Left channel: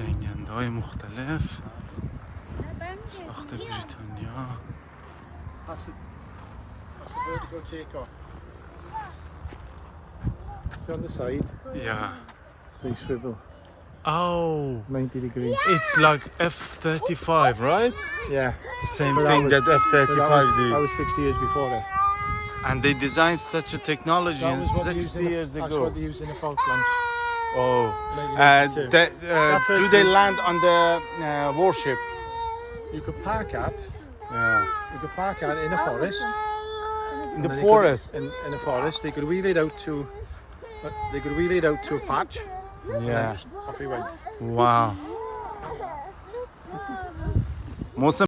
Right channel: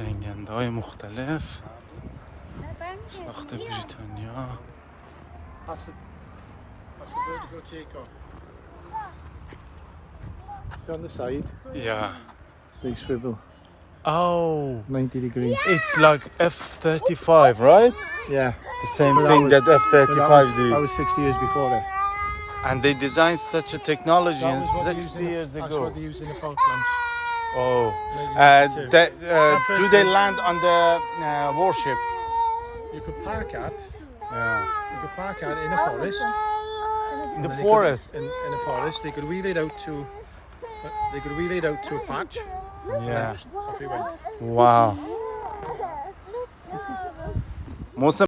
جنگنده های مختلف ساخت بریتانیا. That's a vertical takeoff. So on the side, Yeah. they swivel Oh, 90 degrees. it's like F35, right? Yeah. The same thing that F35 That did. was 60 years before it. And they designed such a technology That in was what they 60 used years That's ago. what they used in the Falklands. Oh. 1982. Do they land on the warship? You could park at. Yeah. You could park at in a forest. In the forest? In a forest, they could wheel it out to. They could wheel it out to a patch. Yeah. Off he went. Wow. Most